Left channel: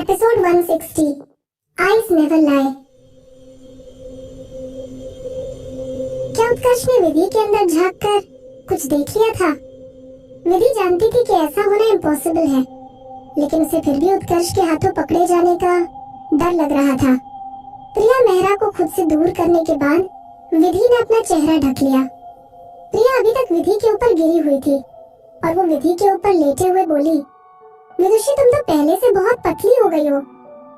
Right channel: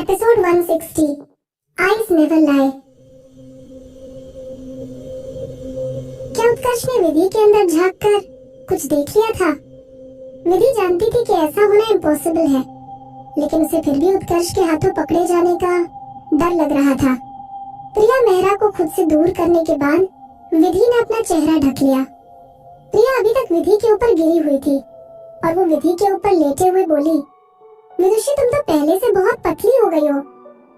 Episode 160 eyes never लाई। क्या उत्कर्ष ने विधि के अंदर झांक कर कुछ देख लिया था? विधि जानती थी कि ऐसा होना इम्पॉसिबल है, लेकिन उसे फिर भी उत्कर्ष के हाथों पकड़े जाने का डर लग रहा था। प्रिया मेहरा को खुद से दूर करने के बाद विधि ने अपना चेहरा ढक लिया। प्रिया अभी तक विधि के ऊपर गिरी हुई थी और वो विधि के ऊपर लेटे हुए बोली, विदुषी तुम तो पहले से बहुत पतली हो गई हो।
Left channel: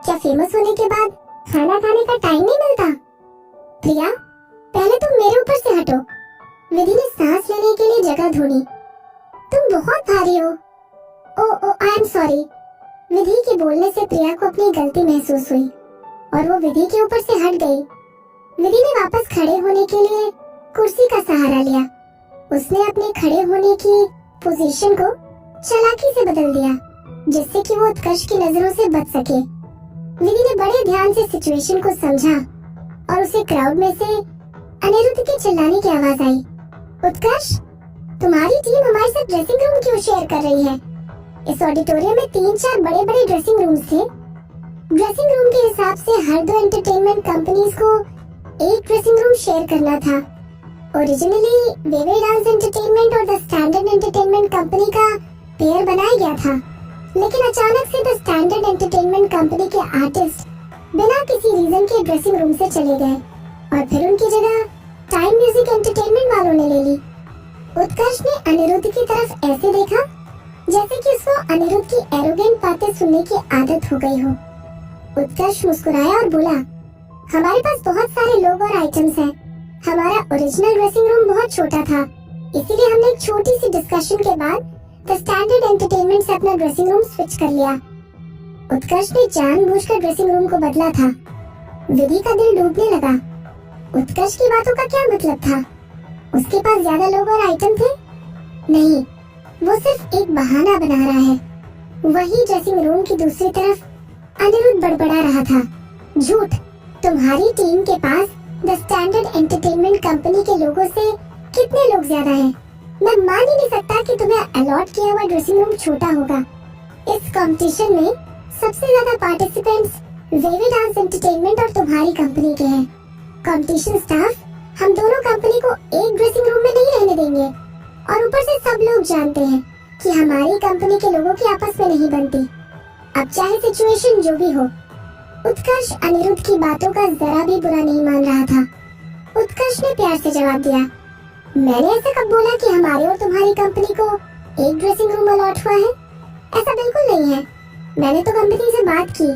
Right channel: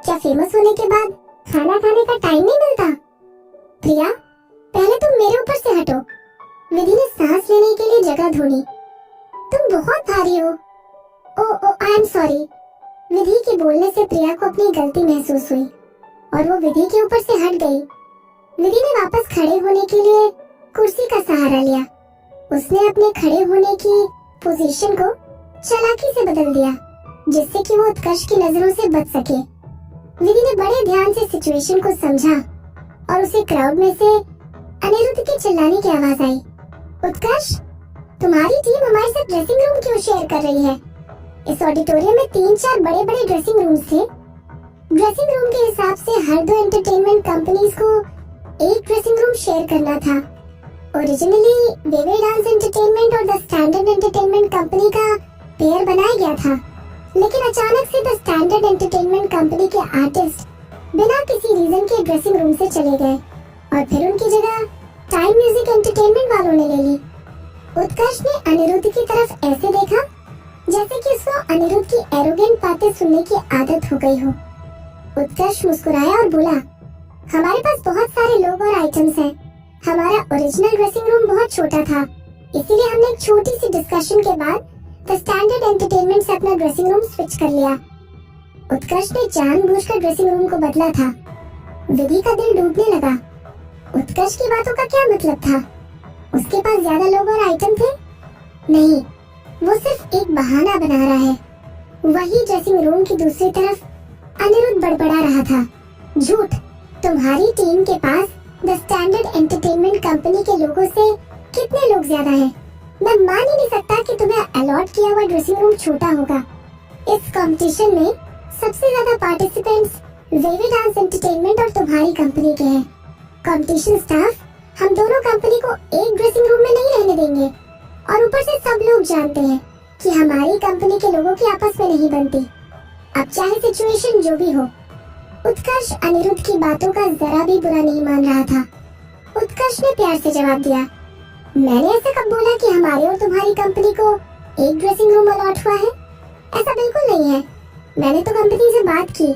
क्या फेमस होने के बाद खाना खाने का टाइम नहीं मिलता? प्रिया, पहले तुम मेरे ऊपर से हटो। विधि ने सांस लेने के लिए जगह ढूंढी। तुम बहुत भारी हो। ओ आई एम सॉरी। विधि के बोलने से प्रिया को अपनी गलती महसूस हुई और वो विधि के ऊपर से हट गई। विधि ने वापस खड़े होने के लिए कुर्सी का सहारा लिया। उसने अपने खड़े होने की पोजीशन को चालाकी से बदल दिया, जिससे कि वो उत्कर्ष की नजरों से बच सके। विधि ने बड़े ध्यान से सिचुएशन को समझा और उसे क्राउड में से अनिरुद्ध के चिल्लाने की आवाज आई, उत्कर्ष, तुम्हारी टीम हमारे साथ ड्रेसिंग रूम क्यों शेयर कर रही है? इस ऑडिटोरियम में 3-4 बड़े-बड़े ड्रेसिंग रूम्स थे। ड्रेसिंग रूम के हिसाब से हर 2 एंटरटेनमेंट कंपनीज को एक ड्रेसिंग रूम शेयर करना था। ओरिजिनली वेवे डांस एंटरटेनमेंट और द स्टैंडर्ड एंटरटेनमेंट कंपनी का पेयर बनाया गया था, लेकिन अचानक से द स्टैंडर्ड एंटरटेनमेंट कंपनी के आर्टिस्ट बिना किसी रीजन के ड्रेसिंग रूम से चले गए और फिर उनकी जगह टाइम म्यूजिक एंटरटेनमेंट वालों ने ले ली। उत्कर्ष ने अनिरुद्ध की तरफ ऐसे देखा जैसे कि उसको अनिरुद्ध की एरोगेंट बातें सुनने की आदत हो गई हो। उत्कर्ष मुस्कुराया और बोला, हमारे पास बहुत सारे लोग और आइटम्स हैं। हमारा ओरिजिनल ड्रेसिंग रूम बहुत छोटा था, इसीलिए हमने एक छोटी सी डिस्कशन के बाद द स्टैंडर्ड एंटरटेनमेंट से अपना ड्रेसिंग रूम स्विच कर लिया। उत्कर्ष ने जानबूझकर ड्रेसिंग रूम को बदला था। विधि का दिल डूबने लगा। उत्कर्ष की बातों का क्या मतलब था? उसके पास ज्यादा लोग और आइटम थे? नहीं, वो सिर्फ एक बहाना बना रहा है। वही ड्रेसिंग रूम की दूसरी तरफ अनिरुद्ध बड़बड़ा रहा था, झूठ। तुम्हारी टीम के पास द स्टैंडर्ड एंटरटेनमेंट कंपनी के लोगों से कितने लोग ज्यादा हैं? मैं मान ही नहीं सकता कि तुम्हें अलॉट किया हुआ ड्रेसिंग रूम छोटा होगा। इस कंपटीशन में सबसे ज्यादा पार्टिसिपेंट्स वेवे डांस एंटरटेनमेंट और तुम्हारी कंपनी के हैं। कंपटीशन स्टाफ हम दोनों कंपनी को एक ड्रेसिंग रूम में नहीं रहने देंगे और ऊपर से सब लोग जानते हैं कि हमारी कंपनी के लोगों की आपस में नहीं बनती। अब चाहे सिचुएशन जो भी हो। उत्कर्ष अनिरुद्ध की बातों का जरा भी बुरा नहीं मान रहा था। उत्कर्ष ने प्यार से जवाब दिया, मैंने ऐसा कब बोला कि हमारी और तुम्हारी कंपनी को एक ड्रेसिंग रूम अलॉट हुआ है? ऐसा बिल्कुल नहीं है। मैंने तो कंपनी से बात की,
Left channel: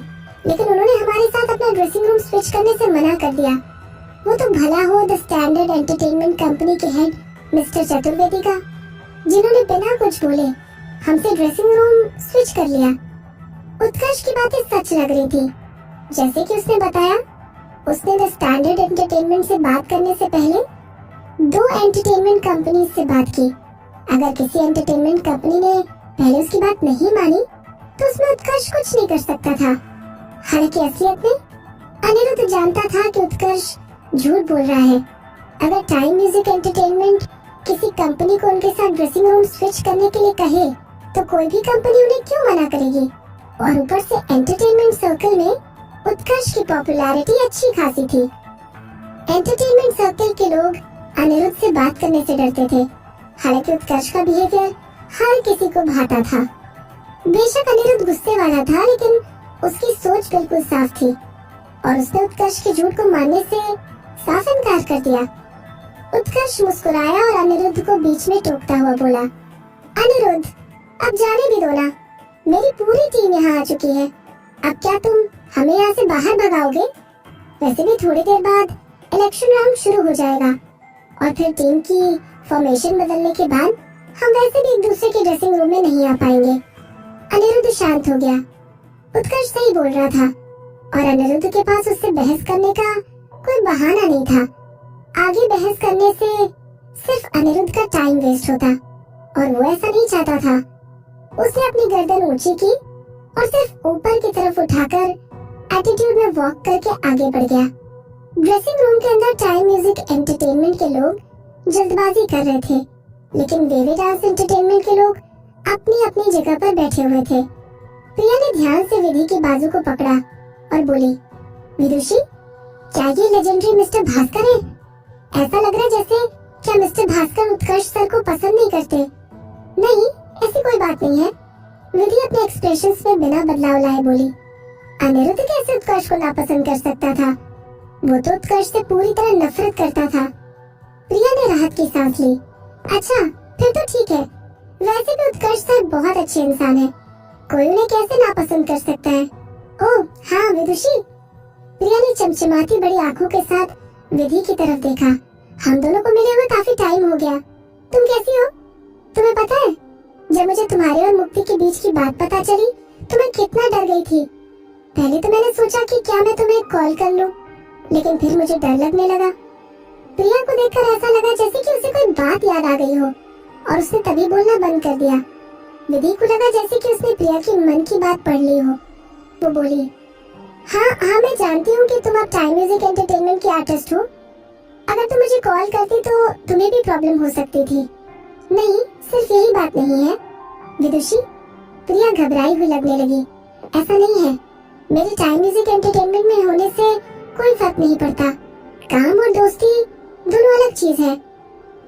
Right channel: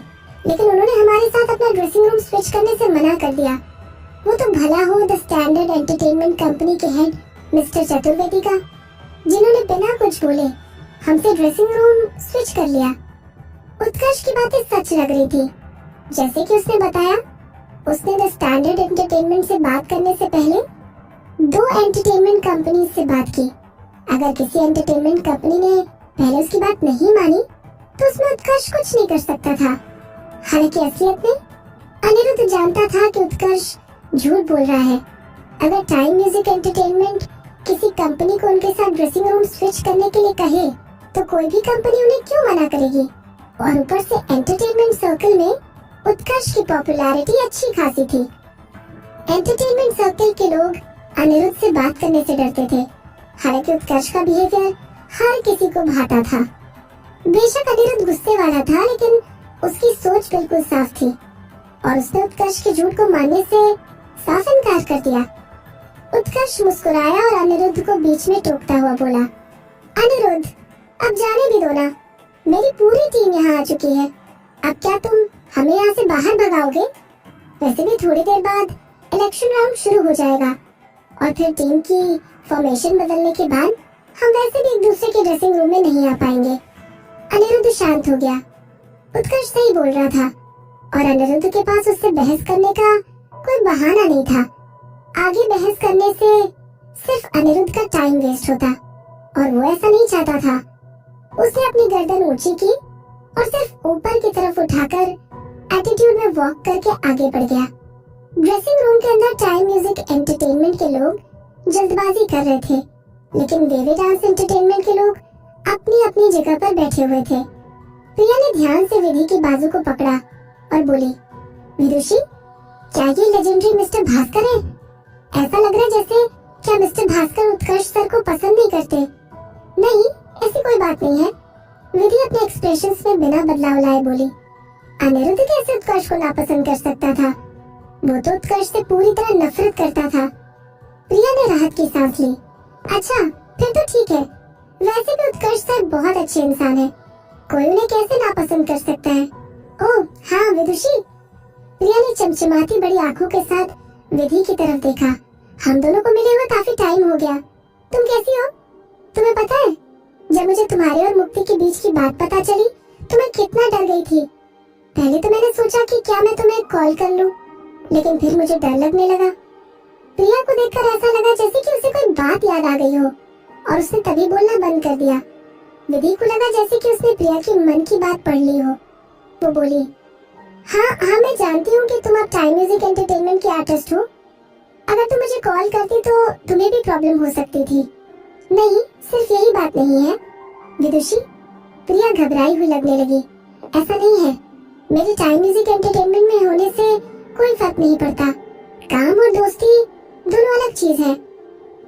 लेकिन उन्होंने हमारे साथ अपना ड्रेसिंग रूम स्विच करने से मना कर दिया। वो तो भला हो द स्टैंडर्ड एंटरटेनमेंट कंपनी के हेड मिस्टर चतुर्वेदी का, जिन्होंने बिना कुछ बोले हमसे ड्रेसिंग रूम स्विच कर लिया। उत्कर्ष की बातें सच लग रही थी। जैसे कि उसने बताया, उसने द स्टैंडर्ड एंटरटेनमेंट से बात करने से पहले 2 एंटरटेनमेंट कंपनी से बात की। अगर किसी एंटरटेनमेंट कंपनी ने पहले उसकी बात नहीं मानी तो उसमें उत्कर्ष कुछ नहीं कर सकता था। हालांकि असलियत में अनिरुद्ध जानता था कि उत्कर्ष झूठ बोल रहा है। अगर टाइम म्यूजिक एंटरटेनमेंट किसी कंपनी को उनके साथ ड्रेसिंग रूम स्विच करने के लिए कहे तो कोई भी कंपनी उन्हें क्यों मना करेगी? और ऊपर से एंटरटेनमेंट सर्कल में उत्कर्ष की पॉपुलैरिटी अच्छी खासी थी। एंटरटेनमेंट सर्कल के लोग अनिरुद्ध से बात करने से डरते थे। हालांकि उत्कर्ष का बिहेवियर हर किसी को भाता था। बेशक अनिरुद्ध गुस्से वाला था, लेकिन उसकी सोच बिल्कुल साफ थी और उसने उत्कर्ष के झूठ को मानने से साफ इनकार कर दिया। उत्कर्ष मुस्कुराया और अनिरुद्ध को बीच में टोकता हुआ बोला, अनिरुद्ध, अब जाने भी दो ना। मेरी पूरी टीम यहाँ आ चुकी है। अब क्या तुम हमें यहाँ से बाहर भगाओगे? वैसे भी थोड़ी देर बाद इलेक्शन राउंड शुरू हो जाएगा और फिर टीम की फॉर्मेशन बदलने के बाद हम वैसे भी एक दूसरे के ड्रेसिंग रूम में नहीं आ पाएंगे। अनिरुद्ध शांत हो गया। उत्कर्ष सही बोल रहा था और अनिरुद्ध के पास उससे बहस करने का कोई बहाना नहीं था। आगे बहस करने से सिर्फ अनिरुद्ध का टाइम वेस्ट होता और वो ऐसा नहीं चाहता था। उसने अपनी गर्दन ऊंची की और सिर्फ ऊपर की तरफ उठाकर एटीट्यूड में वॉक करके आगे बढ़ गया। ड्रेसिंग रूम के अंदर टाइम म्यूजिक एंटरटेनमेंट के लोग जल्दबाजी कर रहे थे, लेकिन वेवे डांस एंटरटेनमेंट के लोग अपनी अपनी जगह पर बैठे हुए थे। प्रिया ने ध्यान से विधि की बाजू को पकड़ा और बोली, विदुषी, क्या ये लेजेंडरी मिस्टर भास्कर है? ऐसा लग रहा है जैसे क्या मिस्टर भास्कर उत्कर्ष सर को पसंद नहीं करते। नहीं, ऐसी कोई बात नहीं है। विधि अपने एक्सप्रेशंस में बिना बदलाव लाए बोली, अनिरुद्ध कैसे उत्कर्ष को नापसंद कर सकता था? वो तो उत्कर्ष से पूरी तरह नफरत करता था। प्रिया ने राहत की सांस ली। अच्छा, फिर तो ठीक है। वैसे भी उत्कर्ष सर बहुत अच्छे इंसान है, कोई उन्हें कैसे नापसंद कर सकता है? ओह हाँ विदुषी। प्रिया ने चमचमाती बड़ी आंखों के साथ विधि की तरफ देखा। हम दोनों को मिले हुए काफी टाइम हो गया। तुम कैसी हो? तुम्हें पता है, जब मुझे तुम्हारे और मुक्ति के बीच की बात पता चली तो मैं कितना डर गई थी। पहले तो मैंने सोचा कि क्या मैं तुम्हें कॉल कर लूं, लेकिन फिर मुझे डर लगने लगा। प्रिया को देखकर ऐसा लगा जैसे कि उसे कोई बात याद आ गई हो और उसने तभी बोलना बंद कर दिया। विधि को लगा जैसे कि उसने प्रिया की मन की बात पढ़ ली हो। वो बोली, हाँ मैं जानती हूँ कि तुम अब टाइम म्यूजिक एंटरटेनमेंट की आर्टिस्ट हो। अगर तुम मुझे कॉल करती तो तुम्हें भी प्रॉब्लम हो सकती थी। नहीं, सिर्फ यही बात नहीं है विदुषी। प्रिया घबराई हुई लगने लगी। ऐसा नहीं है, मेरे टाइम म्यूजिक एंटरटेनमेंट में होने से कोई फर्क नहीं पड़ता। काम और दोस्ती दोनों अलग चीज है।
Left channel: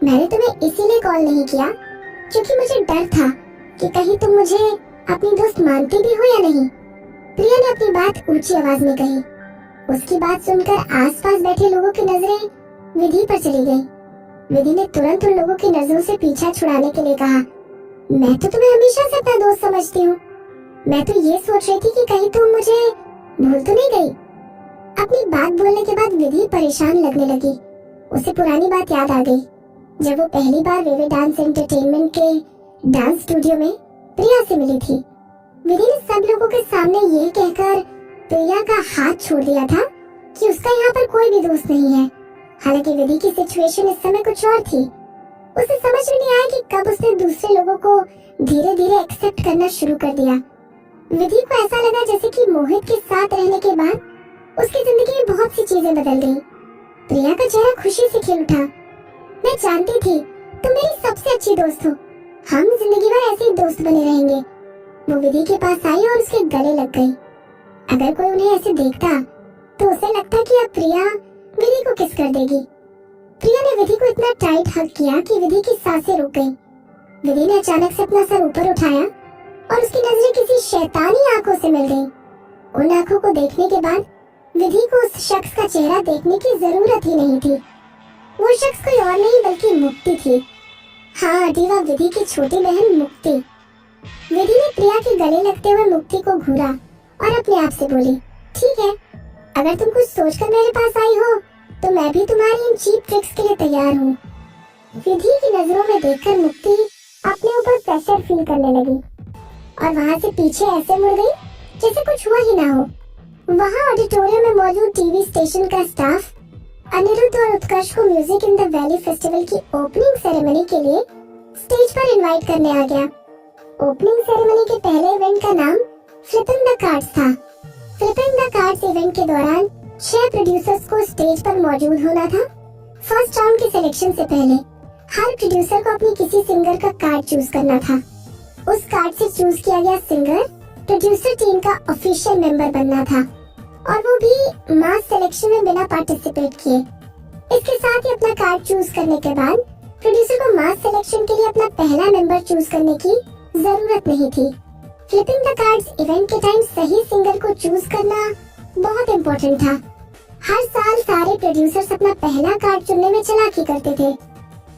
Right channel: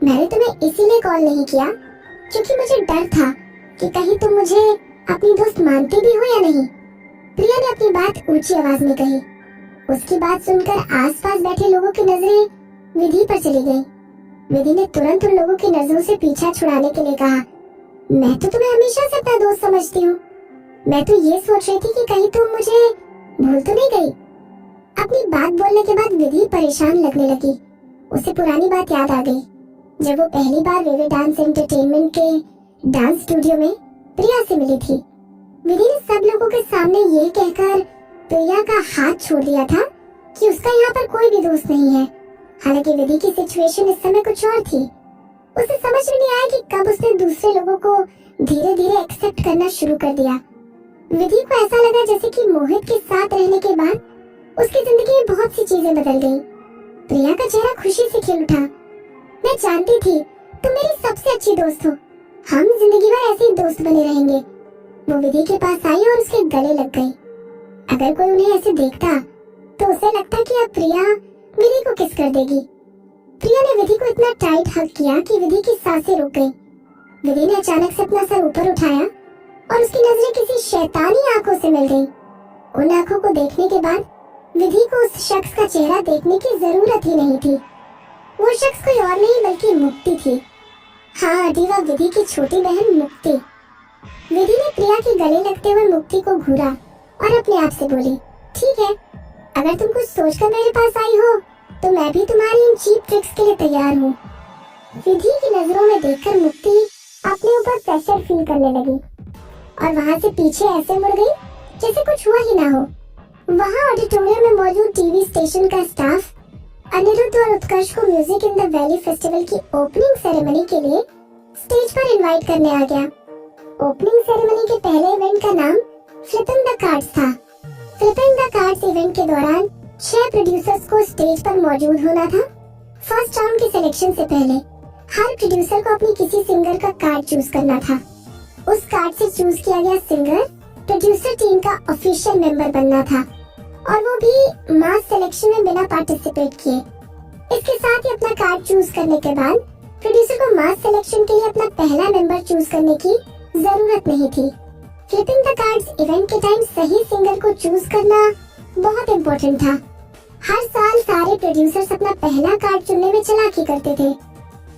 मैंने तुम्हें इसीलिए कॉल नहीं किया क्योंकि मुझे डर था कि कहीं तुम मुझे अपनी दोस्त मानती भी हो या नहीं। प्रिया ने अपनी बात ऊंची आवाज में कही। उसकी बात सुनकर आसपास बैठे लोगों की नजरें विधि पर चली गईं। विधि ने तुरंत उन लोगों की नजरों से पीछा छुड़ाने के लिए कहा, मैं तो तुम्हें हमेशा से अपना दोस्त समझती हूँ। मैं तो ये सोच रही थी कि कहीं तुम मुझे भूल तो नहीं गई। अपनी बात बोलने के बाद विधि परेशान लगने लगी। उसे पुरानी बात याद आ गई, जब वो पहली बार वेवे डांस एंटरटेनमेंट के डांस स्टूडियो में प्रिया से मिली थी। विधि ने सब लोगों के सामने ये कहकर प्रिया का हाथ छोड़ दिया था कि उसका यहाँ पर कोई भी दोस्त नहीं है। हालांकि विधि की सिचुएशन इस समय कुछ और थी। उसे समझ में नहीं आया कि कब उसने दूसरे लोगों को धीरे धीरे एक्सेप्ट करना शुरू कर दिया। विधि को ऐसा लगा जैसे कि मोहित के साथ रहने के बाद उसकी जिंदगी में बहुत सी चीजें बदल गई। प्रिया का चेहरा खुशी से खिल उठा। मैं जानती थी तुम मेरी सबसे अच्छी दोस्त हो। हम जिंदगी भर ऐसे ही दोस्त बने रहेंगे। वो विधि के पास आई और उसके गले लग गई। अगर कोई उन्हें ऐसे देखता तो उसे लगता कि अब प्रिया विधि को किस कर देगी। प्रिया ने विधि को इतना टाइट हग किया कि विधि की सांसें रुक गईं। विधि ने अचानक से अपना सर ऊपर उठाया और उसकी नजरें किसी शैतानी आंखों से मिल गईं। उन आंखों को देखने के बाद विधि को उस शख्स का चेहरा देखने की जरूरत ही नहीं थी। वो शख्स कोई और नहीं बल्कि मुक्ति थी। हाँ, दीवा विधि की छोटी बहन मुक्ति। विधि ने प्रिया के गले लगते हुए मुक्ति को घूरा और अपने आप से बोली, ठीक है, अगर तुम कुछ सोचकर मेरे पास आई हो तो मैं भी तुम्हारी इन चीप ट्रिक्स के लिए तैयार हूँ। विधि की नजरों में देखकर मुक्ति अपने ऊपर प्रेशर फील करने लगी और वहाँ से पीछे ऐसे मुड़ गई जैसे कुछ हुआ ही ना हो। वहाँ ऑडिटोरियम में मौजूद टीवी स्टेशन का स्टाफ अनिरुद्ध और उत्कर्ष को music in the valley festival की ओपनिंग सेरेमनी के लिए स्टेज पर इनवाइट करने आ गया। ओपनिंग सेरेमनी के पहले इवेंट का नाम फ्लिपिंग द कार्ड्स था। फ्लिपिंग द कार्ड्स इवेंट के दौरान 6 प्रोड्यूसर्स को स्टेज पर मौजूद होना था। फर्स्ट राउंड के सिलेक्शन से पहले हर प्रोड्यूसर को अपनी किसी सिंगर का कार्ड चूज करना था। उस कार्ड से चूज किया गया सिंगर प्रोड्यूसर टीम का ऑफिशियल मेंबर बनना था और वो भी मास सिलेक्शन में बिना पार्टिसिपेट किए। इसके साथ ही अपना कार्ड चूज करने के बाद प्रोड्यूसर को मास सिलेक्शन के लिए अपना पहला मेंबर चूज करने की जरूरत नहीं थी। फ्लिपिंग द कार्ड्स इवेंट के टाइम सही सिंगर को चूज करना बहुत इम्पोर्टेंट था। हर साल सारे प्रोड्यूसर्स अपना पहला कार्ड चुनने में चालाकी करते थे।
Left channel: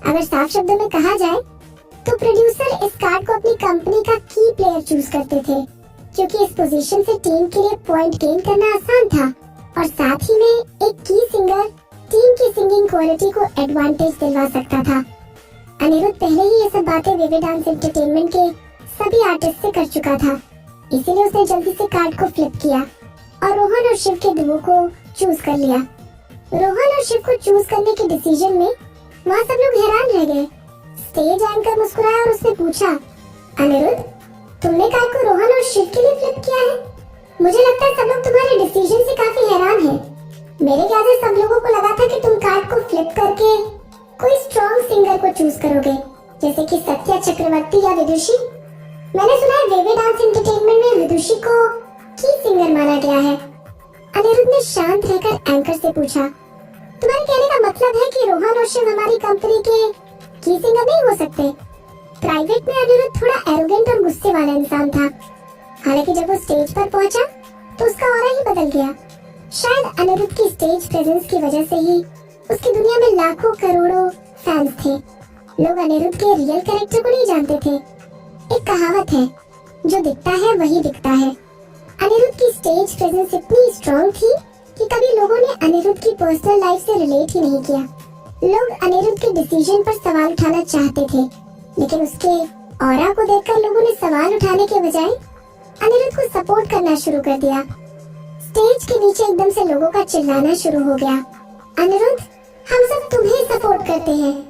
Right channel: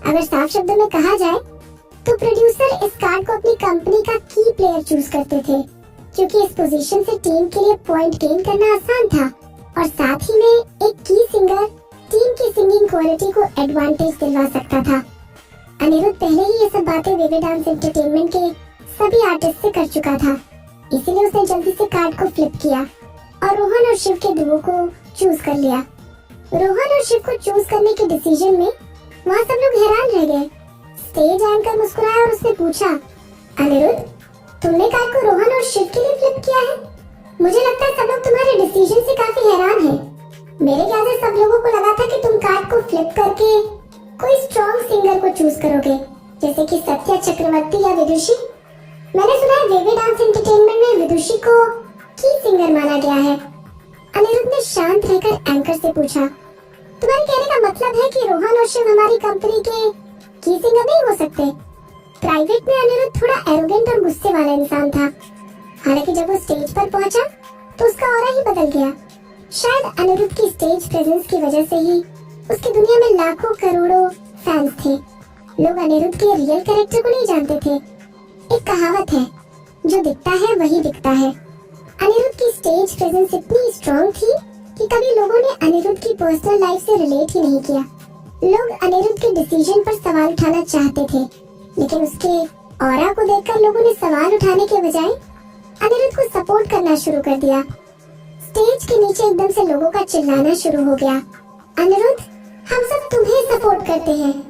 अगर साफ शब्दों में कहा जाए तो प्रोड्यूसर इस कार्ड को अपनी कंपनी का की प्लेयर चूज करते थे, क्योंकि इस पोजीशन से टीम के लिए पॉइंट गेन करना आसान था और साथ ही में एक की सिंगर टीम की सिंगिंग क्वालिटी को एडवांटेज दिलवा सकता था। अनिरुद्ध पहले ही ये सब बातें वेवे डांस एंटरटेनमेंट के सभी आर्टिस्ट से कर चुका था, इसीलिए उसने जल्दी से कार्ड को फ्लिप किया और रोहन और शिव के डुओ को चूज कर लिया। रोहन और शिव को चूज करने के डिसीजन में वहाँ सब लोग हैरान रह गए। स्टेज एंकर मुस्कुराया और उसने पूछा, अनिरुद्ध, तुमने कार्ड को रोहन और शिव के लिए फ्लिप किया है? मुझे लगता है सब लोग तुम्हारे डिसीजन से काफी हैरान हैं। मेरे ख्याल से सब लोगों को लगा था कि तुम कार्ड को फ्लिप करके कोई स्ट्रॉन्ग सिंगर को चूज करोगे, जैसे कि सत्या चक्रवर्ती या विदुषी। मैंने सुना है वेवे डांस एंटरटेनमेंट में विदुषी को की सिंगर माना गया है। अनिरुद्ध ने शांत रहकर एंकर से पूछा, तुम्हारे कहने का मतलब है कि रोहन और शिव हमारी कंपनी के की सिंगर नहीं हो सकते? प्राइवेट में अनिरुद्ध थोड़ा एरोगेंट और गुस्से वाला इंसान था। हालांकि जब वो स्टेज पर पहुंचा तो उसका ऑरा ही बदल गया। शायद अनिरुद्ध की स्टेज प्रेजेंस की वजह से ही उसकी दुनिया में लाखों करोड़ों फैंस थे। लोग अनिरुद्ध के रियल कैरेक्टर को नहीं जानते थे। एक कहावत है, जो दिखता है वही बिकता है। अनिरुद्ध की स्टेज प्रेजेंस इतनी स्ट्रॉन्ग थी कि कभी लोगों ने अनिरुद्ध की पर्सनल लाइफ से रिलेट ही नहीं किया। लोग अनिरुद्ध के डिसीजन पर सवाल उठाना चाहते थे, लेकिन उसके ऑरा को देखकर लोगों ने सवाल उठाने के बजाय अनिरुद्ध को सपोर्ट करना शुरू कर दिया। स्टेज के नीचे एकदम से लोगों का चिल्लाना शुरू हो गया, अनिरुद्ध, हम सब तुम्हें सपोर्ट करते हैं।